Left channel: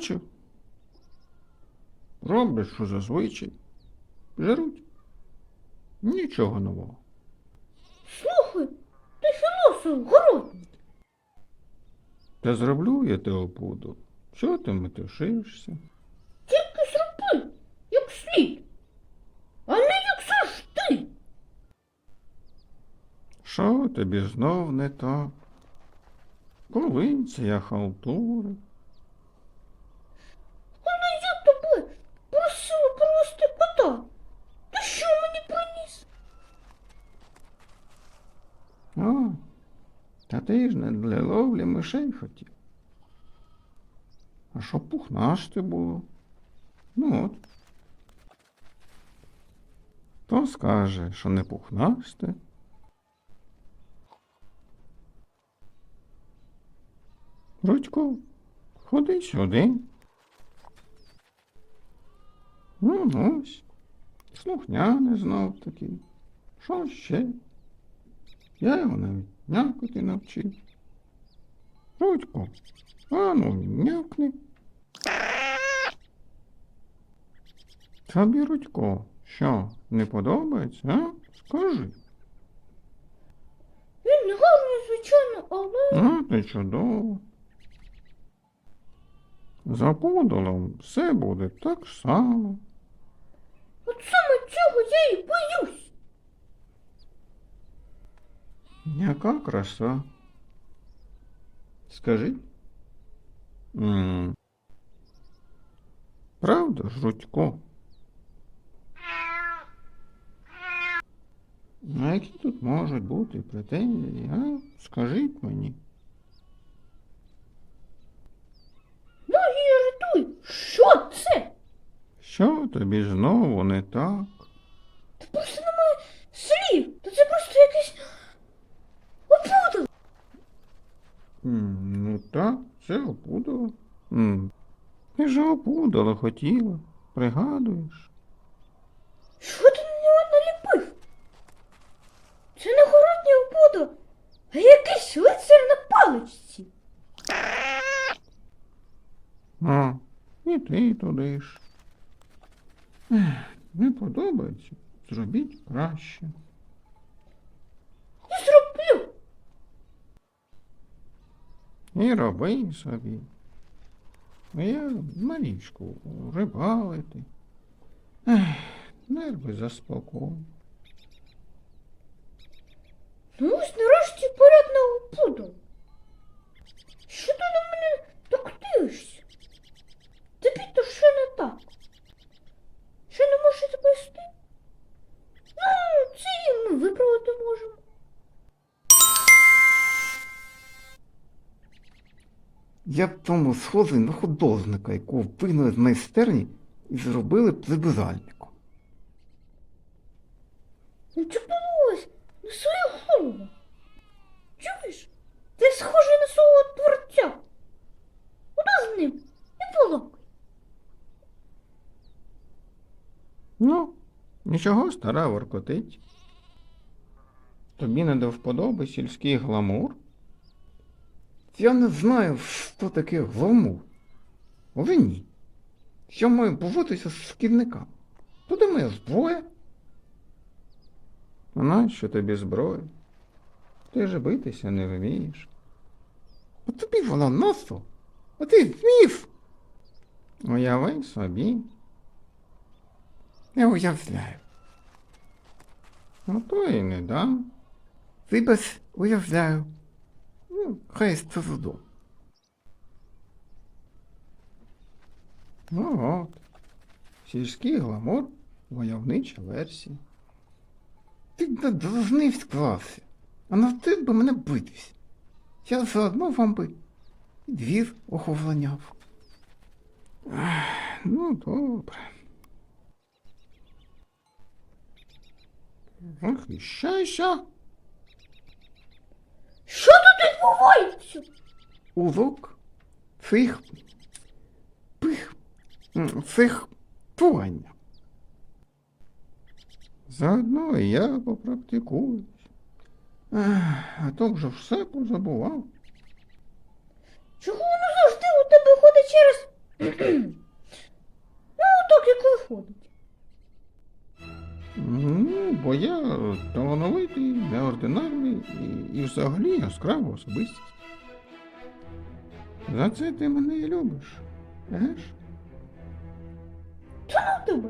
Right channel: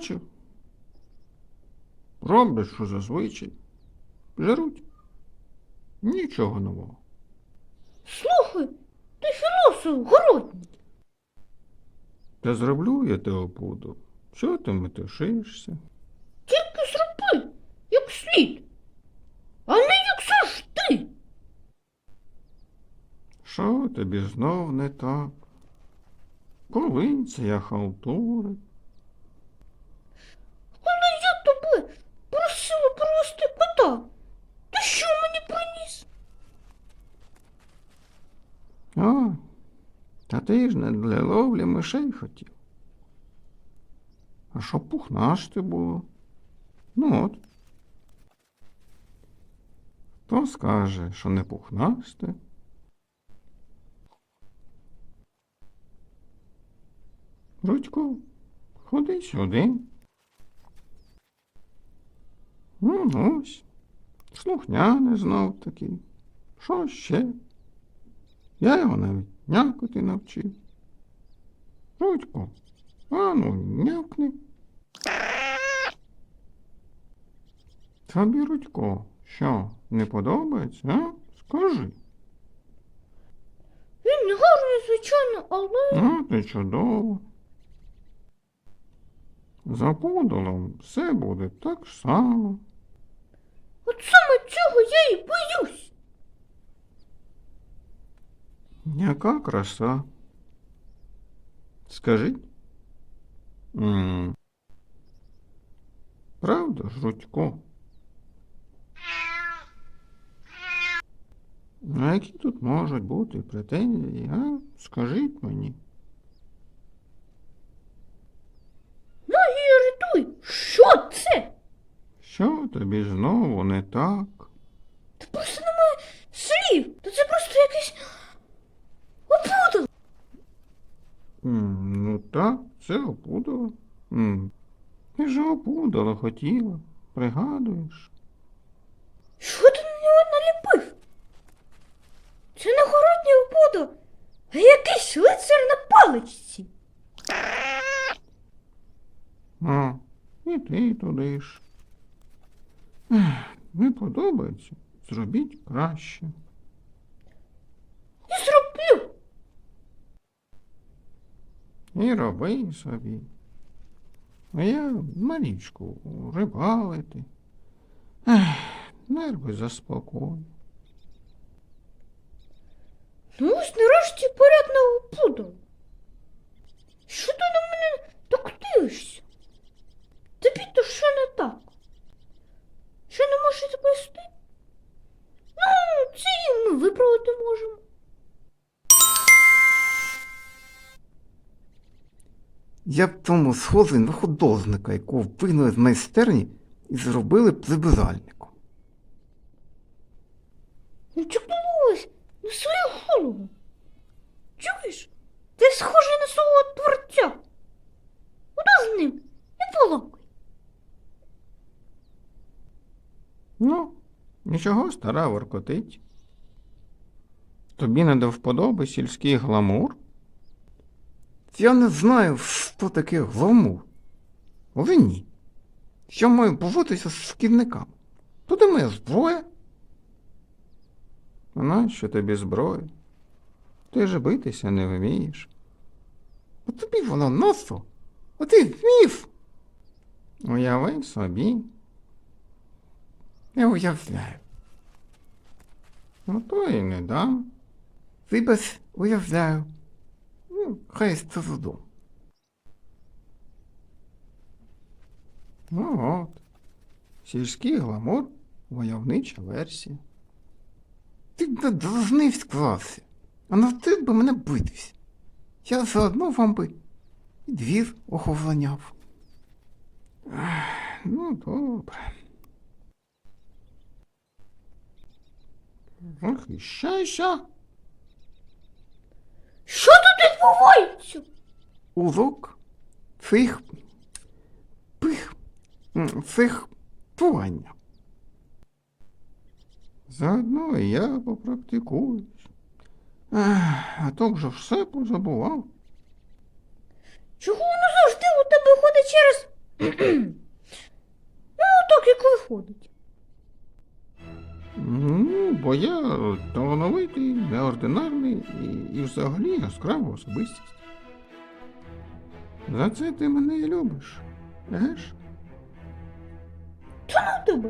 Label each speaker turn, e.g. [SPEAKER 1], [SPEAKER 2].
[SPEAKER 1] бачив? Роблять, що зазвичай. Жаруть. Нічого нового.
[SPEAKER 2] Слухай, ти філософ городний.
[SPEAKER 1] Та зроблю я те опуду. Чого ти метушишся?
[SPEAKER 2] Тільки зроби, як слід. А не як ж ти.
[SPEAKER 1] Що тобі знов не так? Коли це я халтурив?
[SPEAKER 2] Але я тебе просила привезти кота. Ти що мені приніс?
[SPEAKER 1] А, та ти ж не для ловлі мишей хотів. А що пухнашти було? Ну от. Хто скаже, що не пухнасте? Рудько, ходи сюди. Ну, ось. Слухняний знов такий. Що ще? Я його навіть нявкати навчив. Рудько, а ну нявкни. Тобі, Рудько, що, не подобається, а? Скажи.
[SPEAKER 2] Він не гарний, звичайно, але
[SPEAKER 1] Ну, ти чудово. За подолом все буде так само.
[SPEAKER 2] от саме цього я і боюсь.
[SPEAKER 1] Яка краса. Скажи. м Правда, ж, Рудько? А які тут можуть бути претензії, а? Скажіть мені.
[SPEAKER 2] Ну і рятуй, що це?
[SPEAKER 1] Що тобі знову не так?
[SPEAKER 2] Та просто немає слів. Та це просто якийсь опудал.
[SPEAKER 1] М, Ну так, це опудало. Ти ж опудало хотіла, пригадуєш?
[SPEAKER 2] Що ти на нього наліпив? Це не городній опудал, а якийсь лицар на паличці.
[SPEAKER 1] А, і ти туди ж. Не подобається, зробіть краще.
[SPEAKER 2] І зроблю.
[SPEAKER 1] І роби собі. А я малічку рибалити. Ех, Нерви заспокою.
[SPEAKER 2] Ну ось нарешті
[SPEAKER 3] Я б тому схожий на художника, якого вигнали з майстерні і зробили б прибиральником.
[SPEAKER 2] Ну чіпилось на свою голову. Чуєш? Ти схожий на свого творця. Куди з ним? Не поломай.
[SPEAKER 1] Ну, нічого, стара воркотить. Тобі не до вподоби сільський гламур?
[SPEAKER 3] Я не знаю, що таке гламур. Але ні. Я маю поводитися з шкідниками. Туди моя зброя.
[SPEAKER 1] А нащо тобі зброя? Ти ж битися не вмієш.
[SPEAKER 3] А тобі вона носо. А ти вмів.
[SPEAKER 1] Уяви собі.
[SPEAKER 3] Я уявляю.
[SPEAKER 1] Ну то і не дам.
[SPEAKER 3] Вибач, уявляю. Хай з трудом.
[SPEAKER 1] Ну от. Сільський гламур, войовнича версія.
[SPEAKER 3] Ти б должний склався, а навчив би мене битись. Я заодно вам би і двір оховланяв.
[SPEAKER 1] Ну, добре. Захищайся.
[SPEAKER 2] Що тут відбувається?
[SPEAKER 3] Урок цих пих цих тування.
[SPEAKER 1] Заодно і я попрактикуюсь. А то вже все позабував.
[SPEAKER 2] Чого воно завжди у тебе ходить через Ну, так як виходить.
[SPEAKER 1] Ну, бо я талановитий, неординарний і, і взагалі яскрава особистість. За це ти мене і любиш. Еж?
[SPEAKER 2] Чому тебе.